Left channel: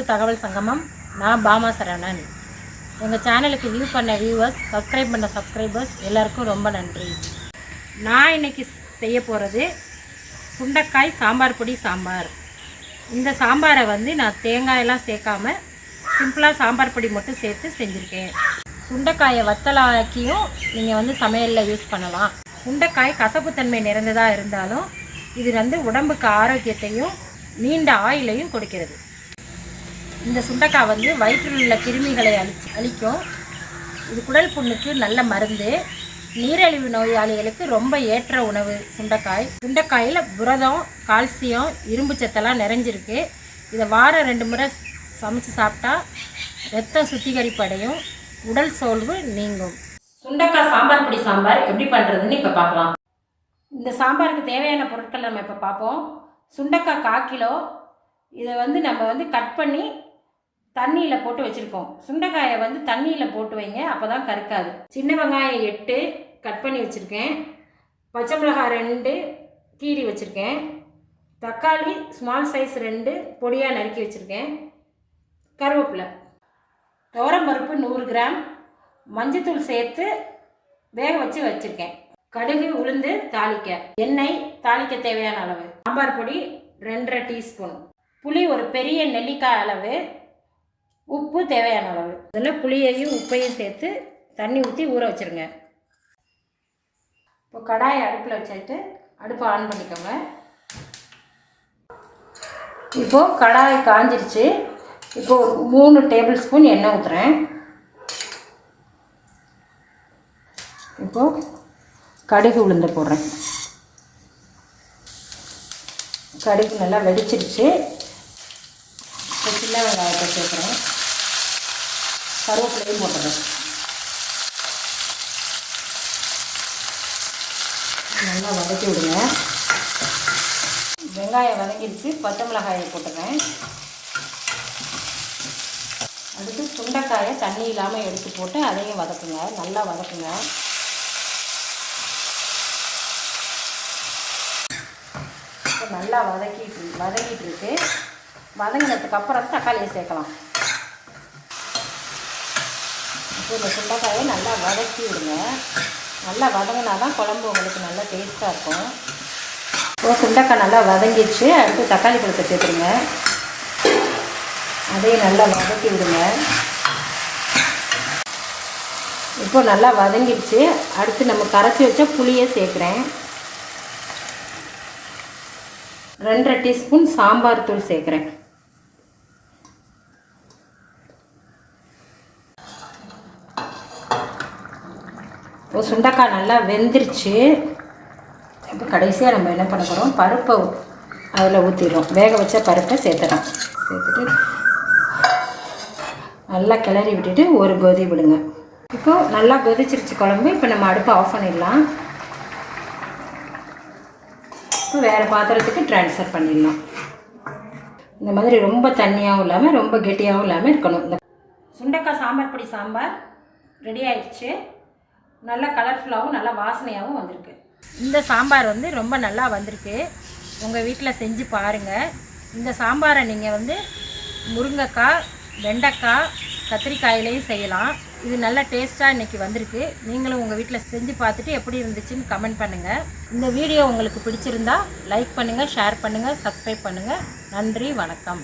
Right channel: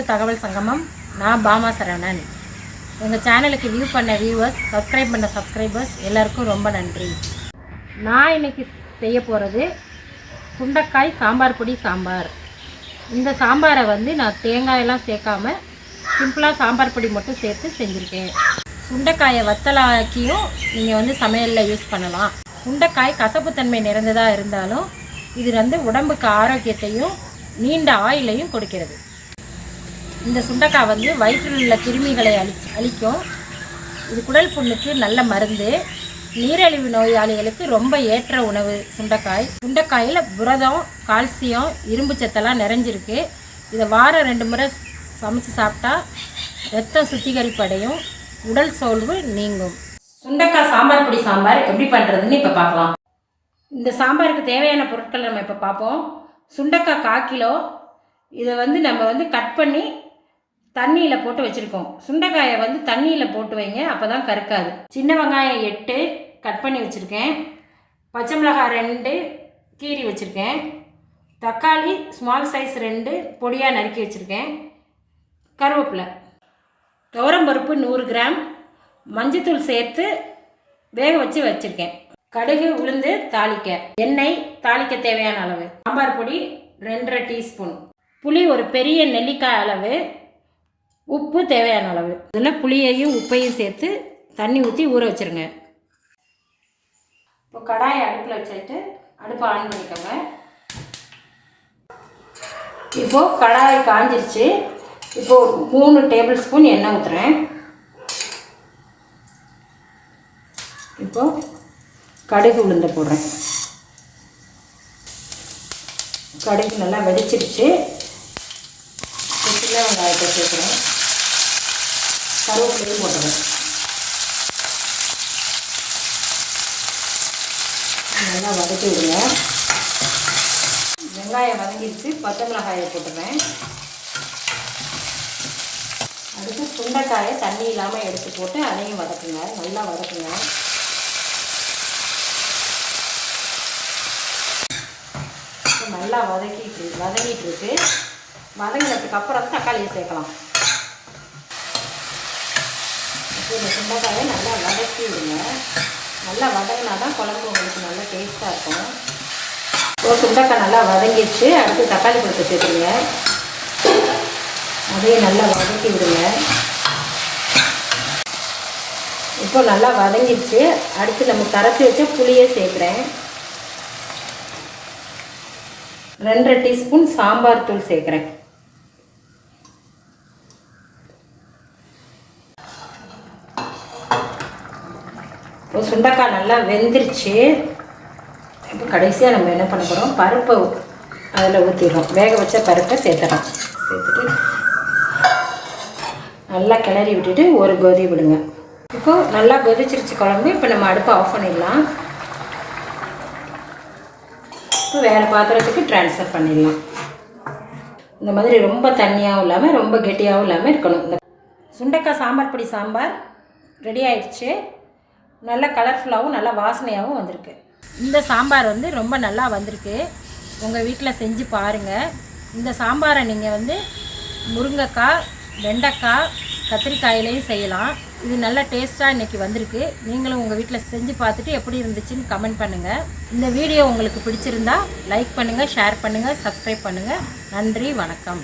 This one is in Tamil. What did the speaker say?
டு தகவல் சங்கமம். நான் பாமா சரவணன். எங்கள் சேனலுக்கு வியூ பண்ண வியூவர்ஸ், சப்ஸ்கிரைப் பண்ண சப்ஸ்கிரைபர்ஸ் எல்லாருக்கும் ரொம்ப நன்றி. நான் இன்றைக்கி செய்ய போகிறது சுண்டக்காய் சாம்பார் பொடி சாம்பார். இந்த சாம்பாரை நான் தேங்காயெல்லாம் சேர்க்காம சிம்பிளாக சாம்பார் பொடி மட்டும் சேர்த்து செஞ்சுருக்கேன். சுண்டைக்காயை வத்தலாக்கியும் நீங்கள் சமையலில் யூஸ் பண்ணலாம். சுண்டைக்காய் கசப்புத்தன்மை நிறைந்ததாக இருந்தாலும் இது உடம்புக்கு ஆரோக்கியத்தையும் நீண்ட ஆயிலையும் கொடுக்கிறது. இந்த சுண்டைக்காய் வயிற்றில் உள்ள கிருமிகளை அழிக்கும். இது குடல் புண்ணுக்கு நல்ல மருந்து. நீரிழிவு நோயாளிகளுக்கு ரொம்ப ஏற்ற உணவு சுண்டைக்காய். சுண்டைக்காயில் புரதம், கால்சியம், இரும்பு சத்தெல்லாம் நிறைஞ்சிருக்கு. இதை வாரம் 2 முறை சமைச்சு சாப்பிட்டா ரத்தம் சுத்திகரிப்படையும், உடல் சோர்வு நீங்கும். சுண்டைக்காய் சாம்பார் பொடி சாம்பார் எப்படி பண்ணுறதுன்னு இப்போ பார்க்கலாம். இந்த சாம்பாருக்கு தேவையான பொருட்கள் நம்ம இப்போ பார்ப்போம். சுண்டைக்காய் 1/4 கிலோ. இதை நம்ம கட் பண்ணி தண்ணியில் போட்டு வச்சுருக்கோம். சுண்டைக்காயை தண்ணியில் போட்டு வைங்க, அப்போ தான் கருக்காது. சின்ன வெங்காயம் 8 கட் பண்ணி வச்சுருக்கேன். பச்சை மிளகாய் 2 கீரி வச்சுருக்கேன். தக்காளி ஸ்மால் சைஸ் 2 பொடியாக நறுக்கி வச்சுருக்கேன். கருவேப்பிலை, துவரம்பருப்பு 100 கிராம், மஞ்சத்தூள் சேர்த்து வேக வச்சு வச்சுருக்கேன். கடுகு, உளுந்து தாளிக்க, எண்ணெய் தாளிக்க தேவையான அளவு, சாம்பார் பொடி 2.5 டீஸ்பூன், புளி ஒரு பெரிய நெல்லிக்காய் அளவு, உப்பு தேவையான அளவு. இதில் புளியையும் உப்பையும் சேர்த்து தண்ணி ஊற்றி ஊற வச்சுருங்க. இப்போ கடாயை அடுப்பில் வச்சுட்டு அடுப்பை ஆன் பண்ணிக்கோங்க. இப்போது கடாயை காஞ்சிருச்சு. இப்போது 3 டேபிள் ஸ்பூன் எண்ணெய் ஊற்றுறேன். இப்போது கடுகு உளுந்து போடுறேன். கடுகு நல்லா வெடிச்சிருச்சு. சின்ன வெங்காயத்தை சேர்க்குறேன். கருவேப்பிலையும் போட்டுறேன். நல்லா வதக்கி விடுங்க. வெங்காயம் வதங்கிடுச்சு. பச்சை மிளகாயை போட்டுறேன். அதுக்கு சுண்டைக்காயை தண்ணி இல்லாமல் எடுத்து போட்டு அதையும் வதக்குங்க. நல்லா வதக்குங்க. நல்லா வதக்கிட்டு இருக்கு. வதங்கினதுக்கு அப்புறம் தக்காளியை சேர்க்கலாம். இந்த சுண்டைக்காயை நல்லா வதக்கி விடுங்க. நல்லா வதங்கினா தான் குழம்பு உங்களுக்கு நல்லா டேஸ்ட்டாக இருக்கும். இப்போ சுண்டைக்காய் நல்லா வதங்கிடுச்சு. அடுத்து தக்காளி பழத்தை சேர்த்துங்க. அதையும் நல்லா வதக்கி விடுங்க. இப்போ நல்லா வதங்கிடுச்சு. அடுத்து நம்ம கரைச்சி வச்ச புளியை சேர்க்குறேன். 2.5 டீஸ்பூன் சாம்பார் தூள் சேர்க்குறேன். இப்போ சுண்டைக்காய் நல்லா வெந்துருச்சு. இப்போ கடைசியாக நம்ம என்ன பண்ண போகிறோம், பருப்பை அதில் ஊற்றிடுறோம். வேக வச்ச பருப்பை சேர்த்துறோம். சேர்த்துட்டு நல்லா கிளறி விட்டுட்டு ஒரு கொதி விடுங்க. இப்போது நல்லா கொதிச்சிருச்சு குழம்பு. இப்போ நம்ம அடுப்பை ஆஃப் பண்ணிடலாம். இப்போ வேறு பாத்திரத்துக்கு ட்ரான்ஸ்ஃபர் பண்ணிடலாம். இந்த மாதிரி ரொம்ப தண்ணியாகவும் இல்லாமல் ரொம்ப கெட்டியாகவும் இல்லாமல் இருக்கணும். இந்த சுண்டைக்காய் சாம்பார் பொடி சாம்பார் ரெடி ஆயிடுச்சு. நல்லா கலர்ஃபுல்லாகவும் நல்லா வாசனையாகவும் வந்திருக்கு. இந்த சாம்பார் ரொம்ப நல்லா வந்திருக்கு. உங்கள் வீட்டில் செஞ்சு பாருங்கள். இந்த சாம்பாரை நீங்கள் முருங்கைக்காய், வெண்டைக்காய், கத்திரிக்காயிலையும் செய்யலாம். இது நல்ல டேஸ்ட்டாக இன்றைக்கி வந்திருக்கு. நீங்களும் உங்கள் வீட்டில் செஞ்சு பார்த்துட்டு எப்படி இருந்துச்சுன்னு கமெண்ட் பண்ணுங்கள். இந்த வீடியோ உங்களுக்கு பிடிச்சிருந்தா லைக் பண்ணுங்கள், ஷேர் பண்ணுங்கள், சப்ஸ்கிரைப் பண்ணுங்கள். நன்றி, வணக்கம்.